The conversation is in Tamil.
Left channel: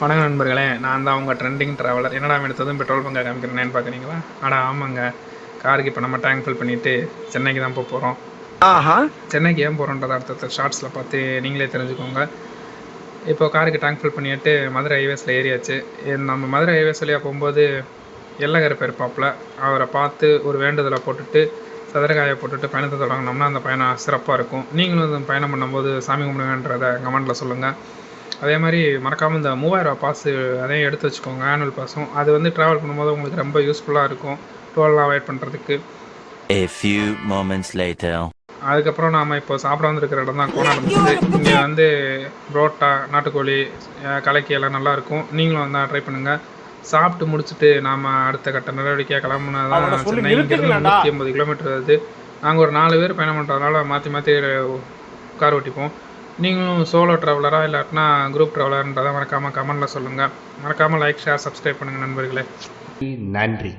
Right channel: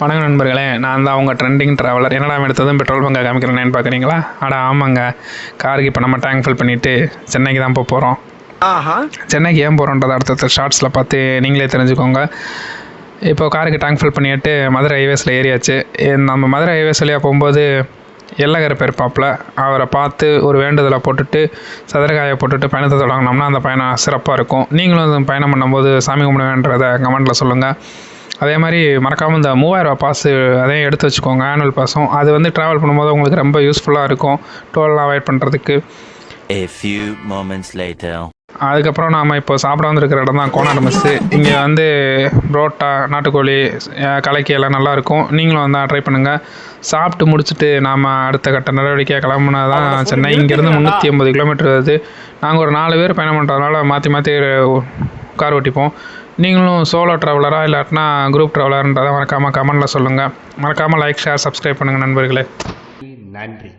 வணக்கம் நண்பர்களே, நான் தான் அவங்க ட்ரெண்டிங் ட்ராவலர். என்னடா எடுத்ததும் பெட்ரோல் பங்கை காமிக்கிறேன்னு பார்க்குறீங்களா? ஆமாங்க, காருக்கு இப்போ நம்ம டேங்க் ஃபில் பண்ணிவிட்டு சென்னைக்கு தான் போகிறோம். சென்னைக்கு ஏன் போகிறோன்றதை அடுத்த ஷார்ட்ஸில் பார்த்து நீங்களே தெரிஞ்சுக்கோங்க. இப்போ காருக்கு டேங்க் ஃபில் பண்ணிட்டு மதுரை ஹைவேஸில் ஏறியாச்சு. நம்ம மதுரை ஹைவேஸ் வழியாக போகும்போது எல்லகர் இருப்பாப்பில், அவரை பார்த்து ஒரு வேண்டுதலை போட்டுட்டு சதுரகாயை போட்டுட்டு பயணத்தை தொடங்கினோம்னா அந்த பயணம் சிறப்பாக இருக்கும். நீங்களும் பயணம் பண்ணும்போது சாமி கும்பிடுவேன்றதை கமெண்ட்டில் சொல்லுங்கள். அதே மாதிரி மறக்காமல் இந்த 3000 பாஸு அதையும் எடுத்து வச்சுக்கோங்க, ஆனுவல் பாஸும். அது வந்து ட்ராவல் பண்ணும்போது உங்களுக்கு ரொம்ப யூஸ்ஃபுல்லாக இருக்கும், டோல்லாம் அவாய்ட் பண்ணுறதுக்கு. A few moments later. அதுக்கப்புறம் நாம் இப்போ சாப்பிட வந்துருக்கிற இடம் தான் கோனார் மெஸ்ஸு. இங்கே வந்து புரோட்டா, நாட்டுக்கோழி, கலக்கி எல்லாம் நல்லாயிருக்கும். நீங்களும் வந்து ட்ரை பண்ணுங்கள். சாப்பிட்டு முடிச்சுட்டு நாம் அடுத்த கட்ட நடவடிக்கையாக கிளம்புனா தான் சென்னை. இங்கேருந்து 380 கிலோமீட்டர் வருது. நாங்கள் ஒரு 4 பேர் பயணம் பண்ணுறதுனால மாற்றி மாற்றி கார் ஓட்டிப்போம். நீங்களும் சோலோ ட்ராவலரா இல்லாட்டினா குரூப் ட்ராவலர்ன்றதை மறக்காமல் கமெண்டில் சொல்லுங்கள். மறக்காமல் லைக், ஷேர், சப்ஸ்கிரைப் பண்ணுங்கள் நண்பர்களே. நன்றி.